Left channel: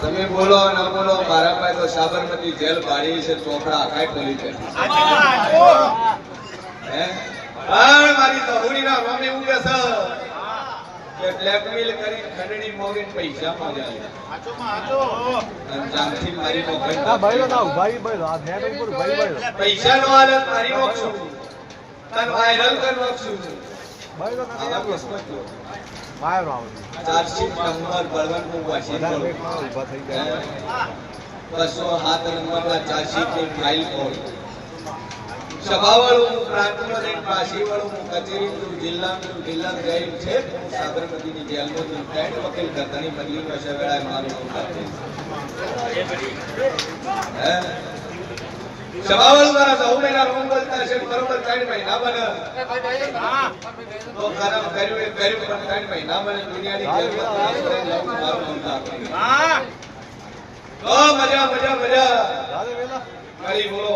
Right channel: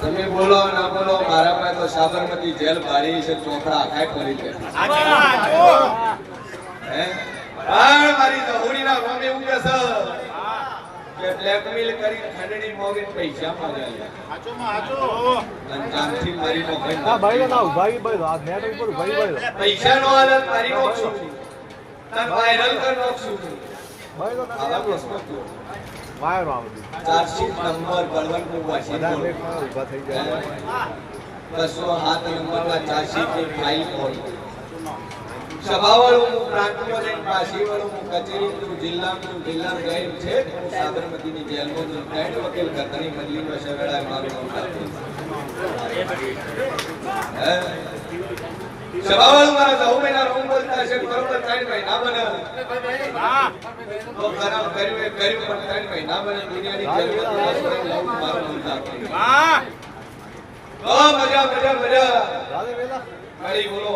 તમે બોલો ના બોલો મારા પાસે તો સાબરમતી જેલ ભાડી છે ચોકડા આખાય ખોલી છે મારી તહોડીના નામે એવું કે છે કે બ્લેકમેલ કરી ખંડણી મોગી પૈસા માંગે અંજામથી મારી મોગી હા ભાઈ ના ભાઈ ભાઈ આ નેટ ઉપર ભાઈ ભાઈ પૈસા નો હાલત મારી મોગશું તન વાયરલ કર નાખશું ભાઈ તો ના વાયર આવતી ચાર્જશીટ નંબર બળવંતનું વાંચી ઊભા થઈ જાય 207 નંબરના ચાર્જશીટની ફાઇલ ખોલ સભાવાળું પ્રાંતમાં જઈને પાસીવાળું કચેરી જિલ્લામાં ગઈ છે સાબરમતીની જેલમાં ત્રણ વકીલ કરતાની બદલી વર્ષે વેળાએ મારું નામ આપ્યું સભાવાળું મારા 9 મહિના રોમ બોલતા છે બરોબર 3 મહિના બને તો કામ કર્યું એ કર્યું પણ 3 મહિના બને દુનિયાની જેલમાં મારું નામ આપ્યું ઓ મજા મજા મજા રાધે વેલા મારી બોલો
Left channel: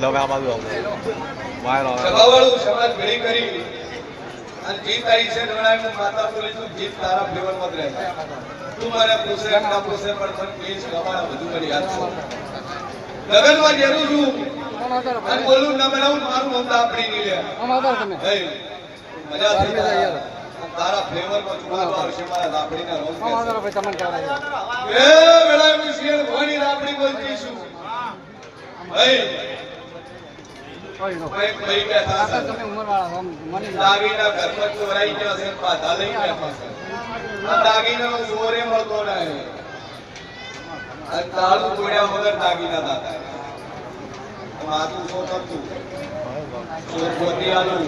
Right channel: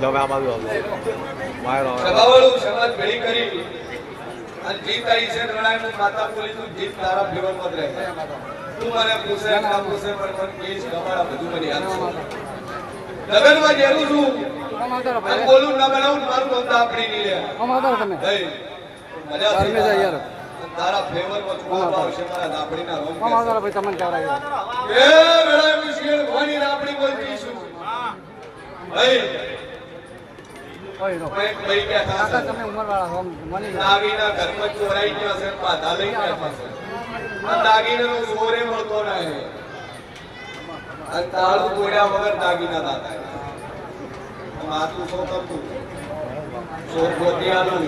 લો મે આ બાજુ આવજો વાયર આવે સભાવાળું સમાજ ભેળી કરી અને જીત આવી છે નણાય હું માતા બોલી છું જીત તારા ફેવરમાં જ રહે તું મને પૂછે એમ ના પૂછે પણ મને કેસ ગમાડા બધું મને યાદ છે લગનમાં જેવું છું અને બોલું ના બનાવું મારું મન આપણી નહીં લે ભાઈ મજા થઈ જાય તારા ફેવરમાં ચુકાદો આવશે મારા રાપડીના રોમ કે એ વેળાએ હું શેર ભણી રાપડી બોલતી છું ભાઈ ભાઈ બેઠા છે દાગીના ઘરમાં ચોરાઈ ગયો છે પાછા લઈ બેઠા છે આ દાગીનાનો ચોરે મળતો નહીં અને તાળું તોડ્યા વગર દાગીના દાતા માતું શું કરતું ચોર પોતી આલું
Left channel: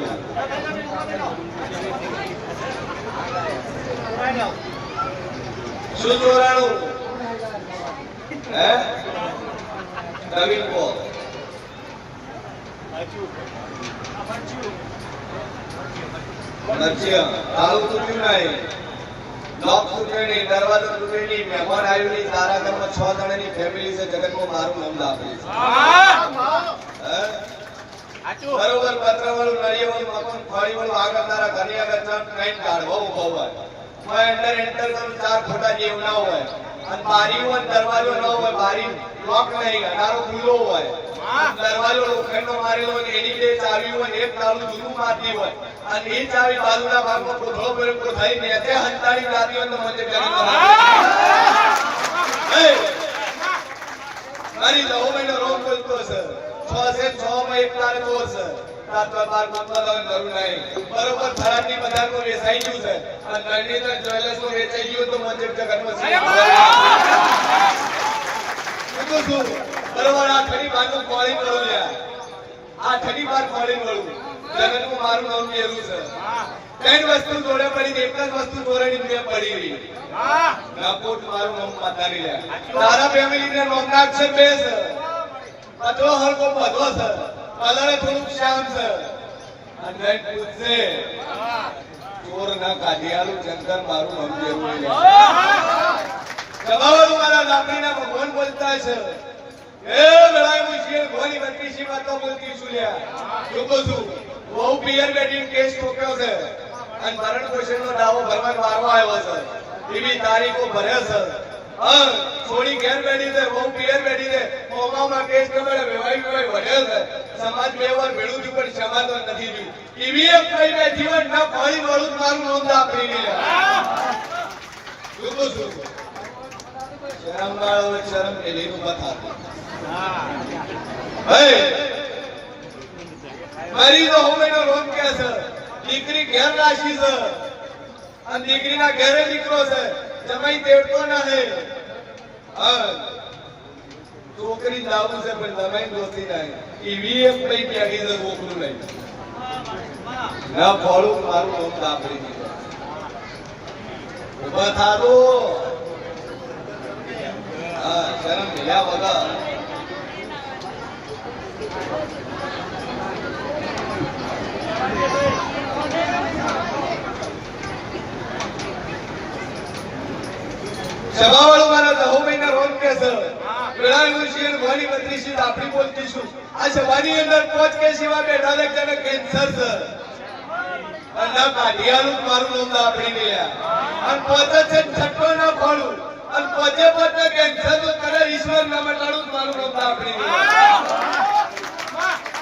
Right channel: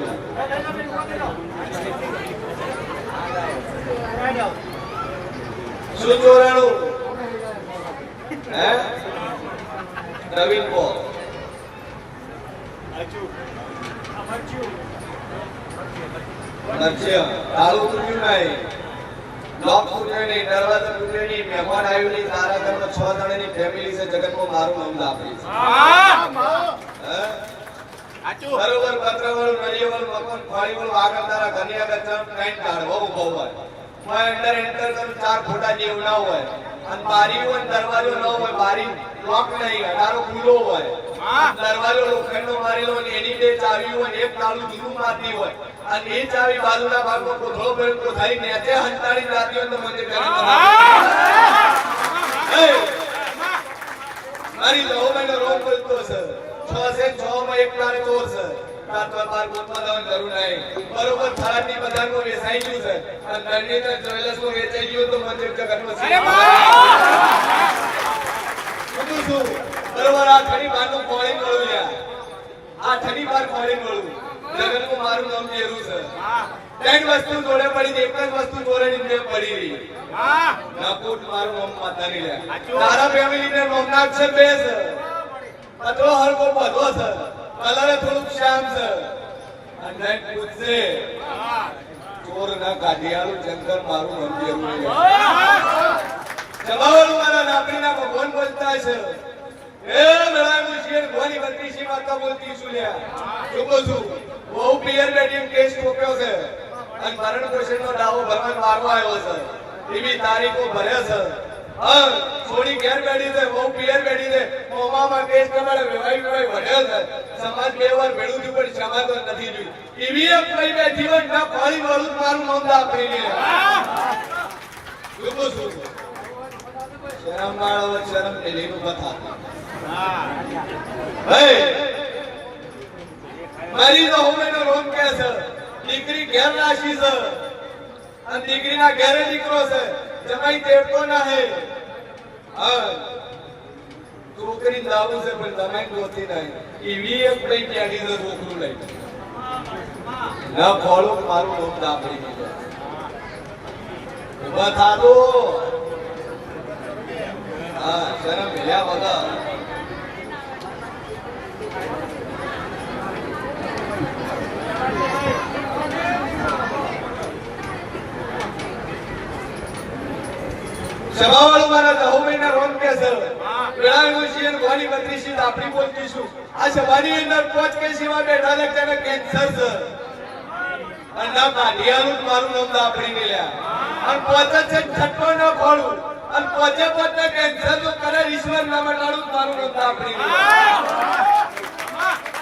શું ચોરાણું હે નવીન કો તાળું તૂટ્યું નહીં લોક તૂટ્યો નહીં દરવાજો તૂટ્યો નહીં મહેમાન આવ્યું નહીં તારા ઘરમાં 6 જણાની ફેમિલી છે જગતમાં મારું નામ લાપડી છે બરોબર પત્રવાળું નળિયાવાળું મકાન ફાળીવાળું આગળ તારા ઘરની આગળ ચાર ટ્રેન કાઢવો ઉભો હોય એન્ટર કરું 4 ફોટા જેવું ના હોય અને બારી હોય દરવાજો ન હોય બારી લોક નહીં અડારો ખુલ્લો હોય દરવાજો લોખંડનો મારેલો હોય એની બે ચાવી હોય એક તાળું જૂનું મારતી હોય અને એ ચાવી બાજુના ભાગમાં કોથળો ભરીને કોથળી નેતે હંતાડી જાતી હોય તો મને કરી મારી 9 મહિનો રોગ બોલતો છે 6 છે 6 માં એક તારે ચોર છે તાર બાર ગોતવા જવાની જરૂર નહીં બરોબર થરાદની બજારમાં વેચાઈ ગયું છે અને નળનીધર જ્વેલર્સમાં વેચાઈ ગયું તો મને જગતમાં શું બરોબર આ ઠડી બારનું ખોળી મળું યાર આ ઠડી બાર ખોળી મળું જગતનું મારું નામ જેરું છે ત્રણ વસ્તુ જોડે પડી એક જ વસ્તુ જોડેની મેં પડી રહી ના કોટ મારું નામ માતા નહીં લે તારા ફેમિલી ને નામ ના અક્ષર બે છે બધો હરકો બધો છે કલર થોડુંક શ્યામ છે અને પૂછશે ચોર ના કાઢિયાળું જંગલ મારું નામ જેવું નહીં લે જવાબ મારા નાપડીના ભગવાન બોલતા છે એ લડાઈ મુશ્કેલ ભોની બત્રીસી વાતો બોલતી છું લ્યા લોકો છું બહુ પિયર બેટીન કેસ ઠોક્યો છે અને ભરણ પોષણનો દાવો ભરવાનો વારો આવ્યો છે એવી તારીખો ભરે છે થોડી ઘેર બેઠી છે બહુ પિયર બેઠી છે મોમામાં કેસ કમાડે વેવાઈ વધ્યો છે સમાજ બે વાર ભેળું થયું પણ સમાજ નથી થયું એવી એક કઈ બેઠી હોય ના ફળી વાળું મારું નામ આપણી નહીં લોકો છું શરમ વાળો શરમ લેલીનું કથા મારી તો હોમેનો રોમ કે છે દીકરી ઘેર રાશી છે અને દીકરીના ઘેરે દીકરો છે જમાઈ દેવતો ના હે છોકરી લાવું છે પણ જમાઈ દોતી નહીં એવી એક પૈ પેઢી છે છોકરું લઈ ના ફોડું મારું નામ દાપડી દીધું ઉભા થાતો શરમ ભેળ્યા વગર સભાવાળું મારા 9 મહિના રોજ કે છે વેળાનું શિયર ભવાની મંત્રી આપણી બોલતીશું આ સભાની અંદર કોચ કે સેવા બેઠા લગતાને કેન્સર છે અને ના કાઢિયાનું જ મારું નામ આપણી મેલ્યા અને પોતે છે છઠ્ઠો ના ખોળું અને પોતે પોતે કેન્સર તો કરે ઈશ્વર ના મટાડું જ મારું નામ આપણી મેલ્યા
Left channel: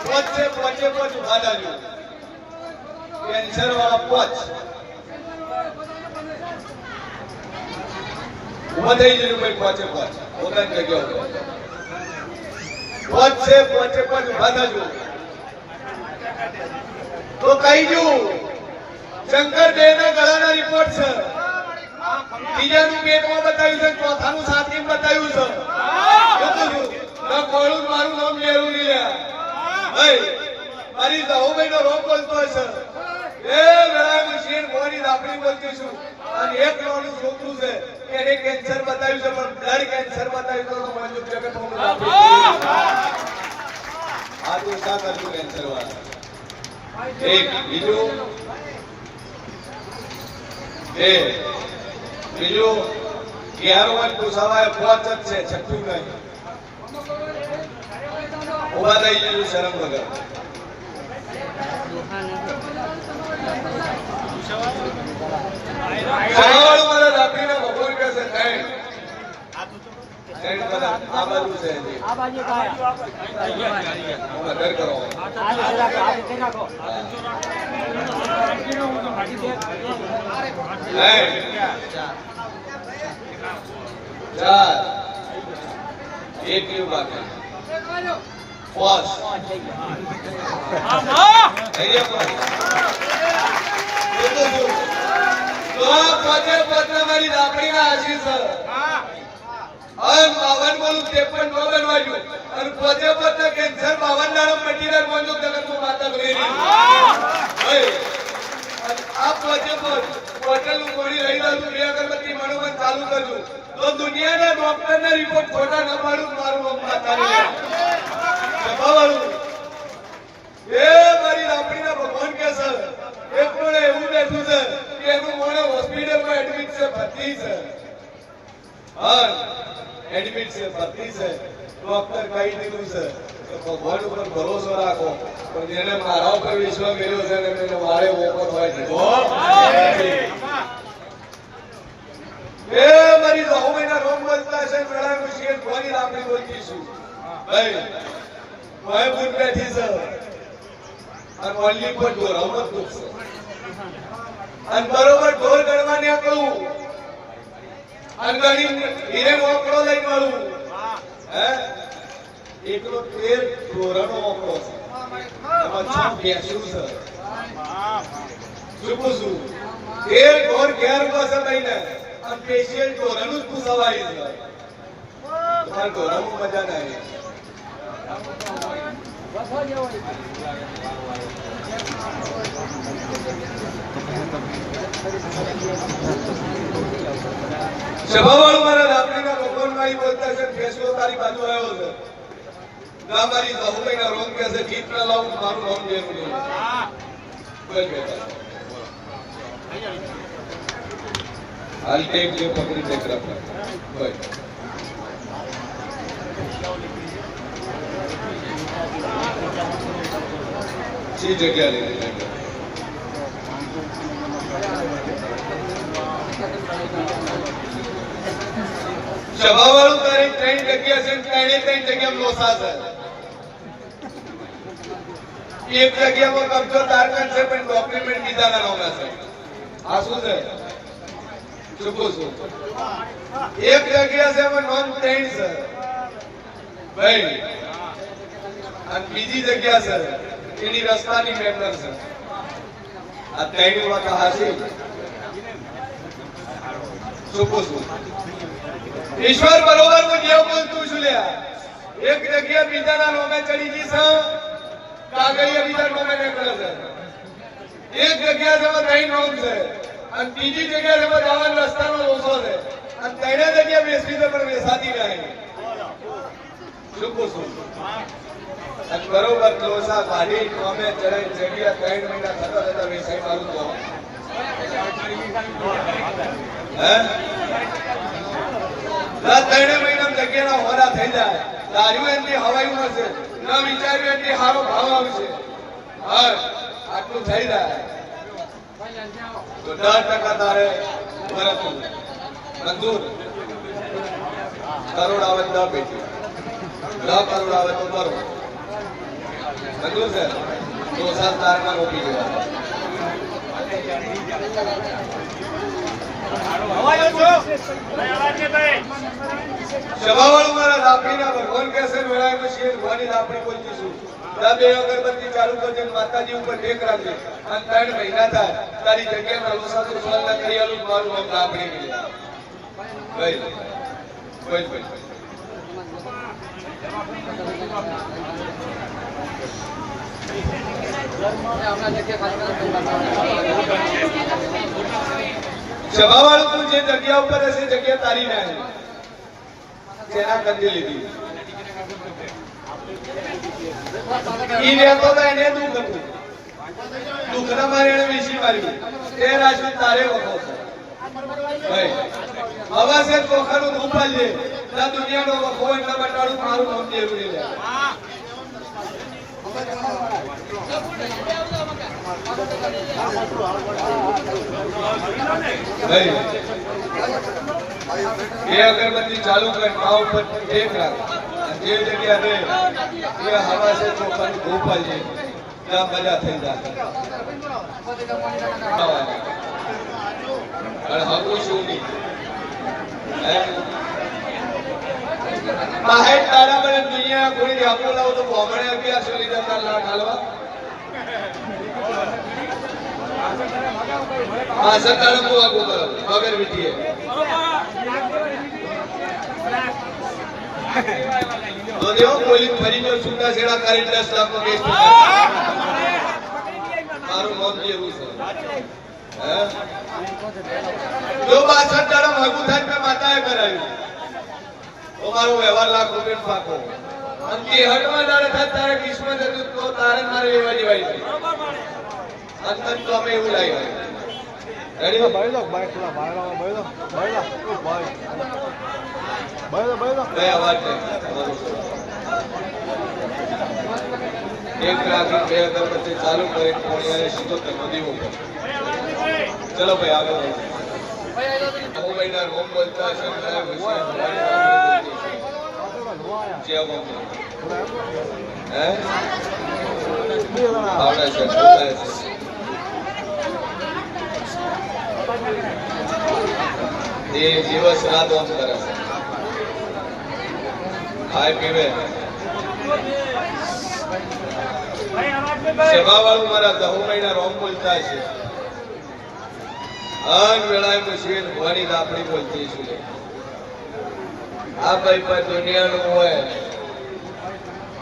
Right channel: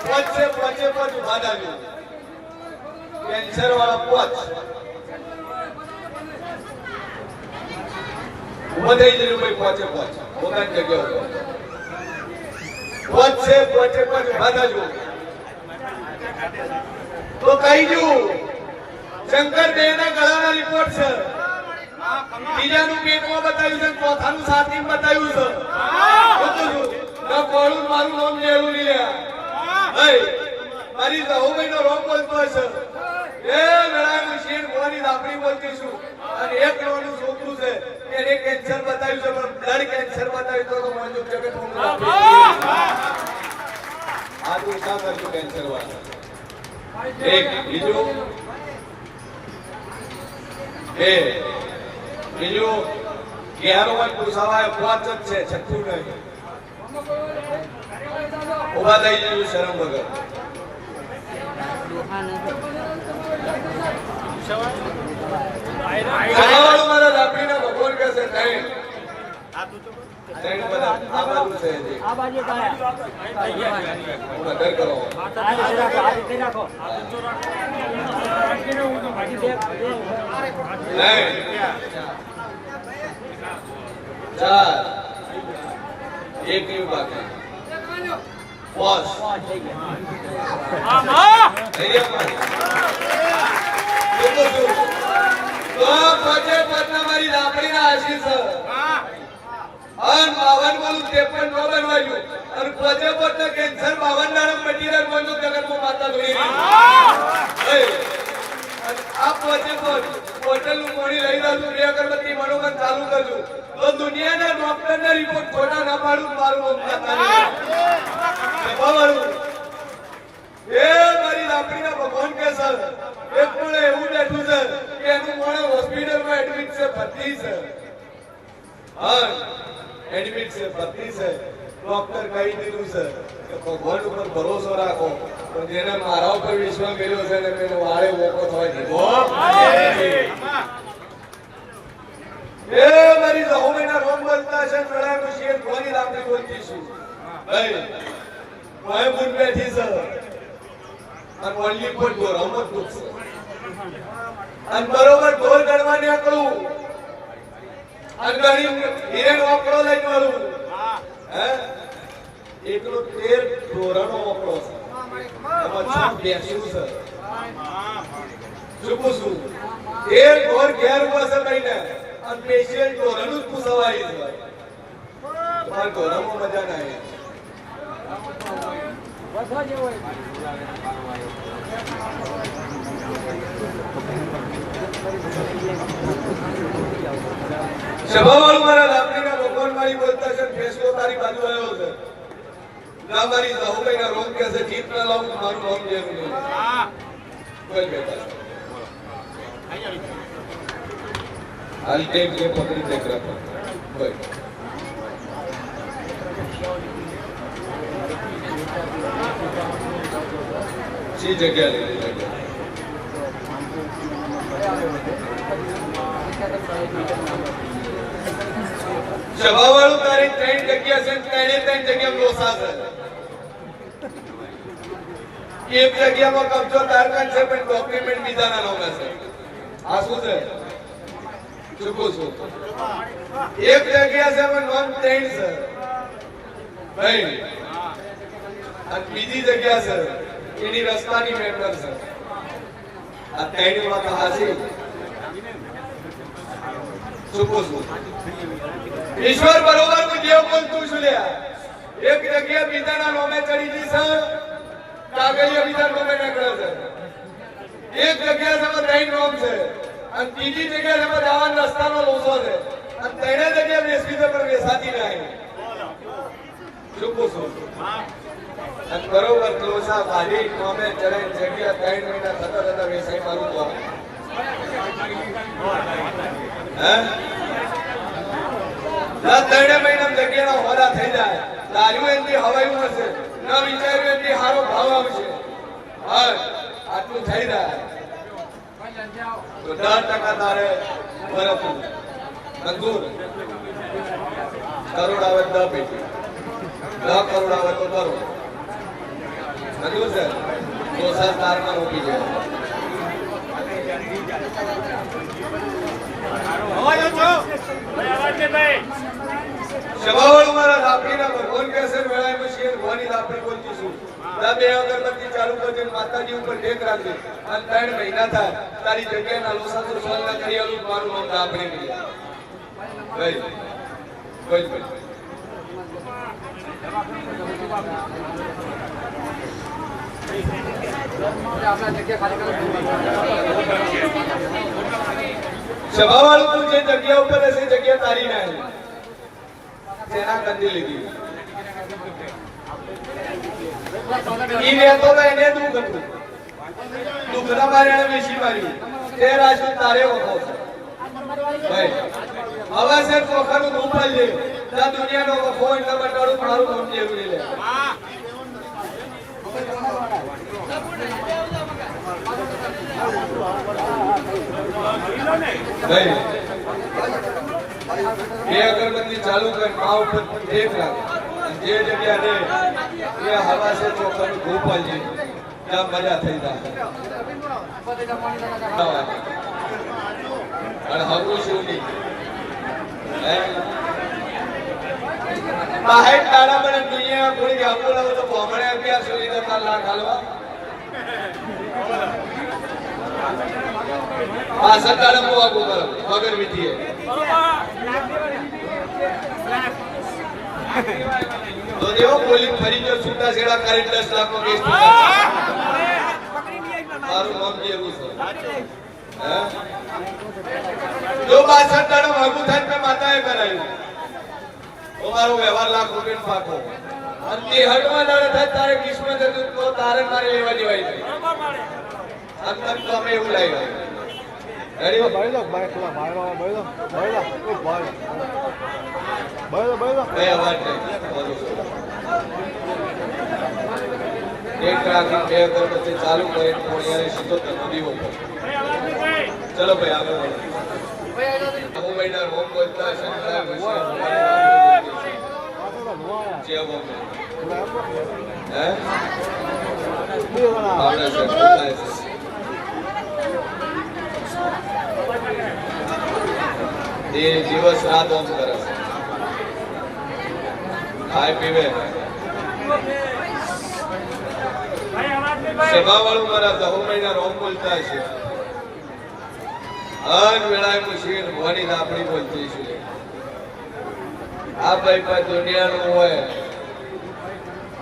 પોચે ઉભા દાજો કેન્સર વાળા પોચ ઉભા થઈ જજો ભાઈ પોચે પોતાની જગ્યા ઉપર પોચે ઉભા થજો તો કહી દઉં શંકર દેવના ગળાના રિપોર્ટ છે ત્રીજાનું પેટમાં બતાવ્યું છે ચોથાનું છાતીમાં બતાવ્યું છે બધું ના કોળું મારું નામ લેવું નહીં લ્યા મારી જાહુભાઈનો રોગ બોલતો હશે એ વેળાનું શેર ભવાની આપણી બોલતીશું અને એક નાનું છોકરું છે એને કેન્સર બતાવ્યું છે પણ બ્લડ કેન્સર બતાવ્યું તો મંજુ જગત હોનું આ તો ઉઠા કરજો કેન્સર વાળા એક બીજું બીજું 11 પૂછાવાય 5 જ છે છઠ્ઠું નહીં ઉભા થઈ જજો શરમ વગર જગાવાળું મારા રાત્રિના ભગવાન કે છે ત્રણ બધા આ બાજુ છે મદદ કરો ચાર એક યુ બાકી બસ મારી રાપડીના આશીષ અને 52 બોલું 53 નો બનવાયું અને પોતે પોતે કેન્સર 52 નામ મટીરિયલ મોજો જગતમાં માતા ધોઈ આ પોતે હોટલનું પાણી લઈ જાઉં બે અગરબત્તી મનોમન ચાલુ કરજો તો દુનિયાના ડોક્ટરના રિપોર્ટ ખોટા ના પાડું મારું માતા એ મારી રાપડીના ભગવાન કે સર એક પણ એવું બેઠું છે કે એનું મોણે હોસ્પિટલમાં એડમિટ છે ભરતી છે એડમિટ છે ભરતી છે ડોક્ટર કહી દીધું છે કે ભગવાન ઉપર ભરોસો રાખો પણ જેને મારા ઉપર વિશ્વાસ કર્યો છે ને એને વાળે મોકો થવા દીધો એ મારી જાહુભાઈના રોગ બોલતા છે મેળાનું શેર ભવાની રાપડી બોલતીશું ભાઈ કોઈ ભૂત બેઠી છે અને ઓનલી પર ઢોર અમત પૂછશે અને બરોબર ઢોર ગણવા નીકળું અને ગણી હિરેન ઓકળો લઈને વળું હે એકલો 13 ઢોરનો ઓકળો છે એમાં શું બેસ્યું છે શું પૂછું 13 ઢોર ઘેર પાસે લઈને અને સ્પેશિયલ ઢોરનું જ પૂછવાય છે તમારે ઢોરમાં મજા ના આવી સભાવાળું મારા રાત્રિના ભગવાન મારી બોલતા છે ફેસલો તારી બાજુ આવ્યો છે ના મારી જાહુભાઈના રોગ કે છે જીત ના લાવું મારું રોગ જેવું નહીં બોલ બેટા હાલ ટેક જે પકડી ટેક રાખો બોલ જી જગ્યા લઈ સભાવાળું તારી 3 જગ્યા છે 3 જગ્યા લોસા છે એક જગ્યામાં કબજો તારકન છે પણ ડોક્યુમેન્ટ બીજાના નામે છે આ શું છે ચૂકું છું એક જગ્યા છે એમાં નોન 3 છે ભાઈ અને બીજી જગ્યા છે એની રસ્તાની મેટર છે આ 3 વાત હાસી ચૂકું છું ઈશ્વર બરોબર હું જે બોલતું છું લ્યા એક જગ્યા બીજાના નામે ચડી ગઈ છે કાગળિયા બીજા નામે નીકળે છે એક જગ્યા છે 3 નામ છે અને બીજી જગ્યા છે જવાનો રસ્તાનો લોસો છે અને 3 જગ્યા બેસવી છે પણ બેસાતી નહીં ચૂકું છું અને બરોબર લોસા ગાડી નામે ચડાઈ જગ્યા 3 મહિના થતા વેસાઈ મારું તો હે ત્રણ મહિના જગ્યાના હોરા થઈ જાય તાર્યું એમની હવાઈ મળશે ન વિચાર્યું એમની સારો ભાવ આવશે આટલું થઈ જાય તો 10% તારે ભરતું મંજૂર કરોડ આવે 10 પેટી 10 કરોડ આવે તો કરો મંજૂર છે તો સર તારમાં રોપી ગયા સવાવાળું મારા લાપડીના ભગવાન કેસર વેળાએ શેર ભવાની લાપડી બોલતીશું બે અગરબત્તી ચાલુ કરજે માતાજી ઉપર ટેક રાખજે અને 3 મહિના થાય તારી જગ્યાના લોસાસો સોલના કરી આલું મારું નામ લાપડી ગયા ભાઈ ભાઈ સભાવાળું તું જે જગ્યા ઉપર હશે જગ્યા તારી ના તેના કંદી લીધી ઈ લેતો તો એને દુઃખ હતું દુઃખના મારે એને વેચી માર્યું તે રાશિ તારે વખો છે ભાઈ હવે છે ચોખાનું દુઃખ છે ત્યાં દુનિયાનો વખો એટલા બટાડું મારું નામ જરૂરી લે એ અગરબત્તી ચાલુ કર મા ઉપર ટેક રાખ જે જગ્યા દે એ હવા છે ચોખાનું ગોપાલ છે ત્યાં મજા થઈ જાય અને હગું શું નહીં બાહેર તારા મને દુનિયા કોઈ આપો લાવો તો બોમડે અગિયાર સો લીધા 4 લાખ હાલવા સંતાન આપો કરો વગર વિધિએ તો દેવો પોલીસ ફરી જો છૂટા છેડા કરી 10 લાખનો કેસ મારું નામ જેવું છે જો 62 દાડા ભાગું થાય મેં માતાએ કરાયું મારો વ્યવહાર લાખ રૂપિયા પાકો અંતે હટવા દાડા થાય તારે કિસ્મત હતું તો તારે મારે લેવા દેવાય છે અંતર તો અમે એવું લાગ્યું રેડી ભાઈ લો ભાઈ પેલા ભાઈ લો ઓ ભાઈ બે અવાજ નહીં એક રાખી બે અગરબત્તી ચાલુ કરી કોણિયાને સીધો દીવો પર ચલો ભાઈ આગળ વધો મહિના હોમ બોલતા દિવસ રાત ઓમ કરે છે ખાય પીવે સેવા વાળું મારા 10 મહિના રોમ બોલતા છે અન વેળાએ મુશીર ભવાની આપણી બોલતી છું આ ભાઈ પર દુનિયાનું હોય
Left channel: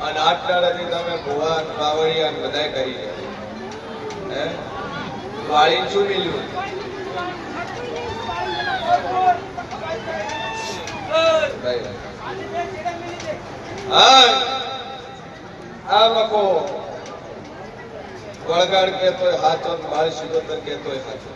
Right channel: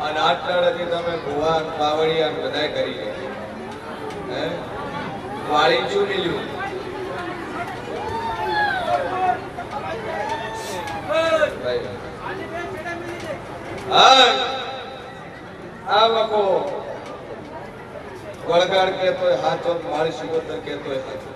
અને આટલાથી તમે ભુવા પાવડિયા બધાય કરી હે વાળી શું મિલ્યું આ લોકો વળગાડ કેતો હાથો મારી શિકોતર કેતો હાથો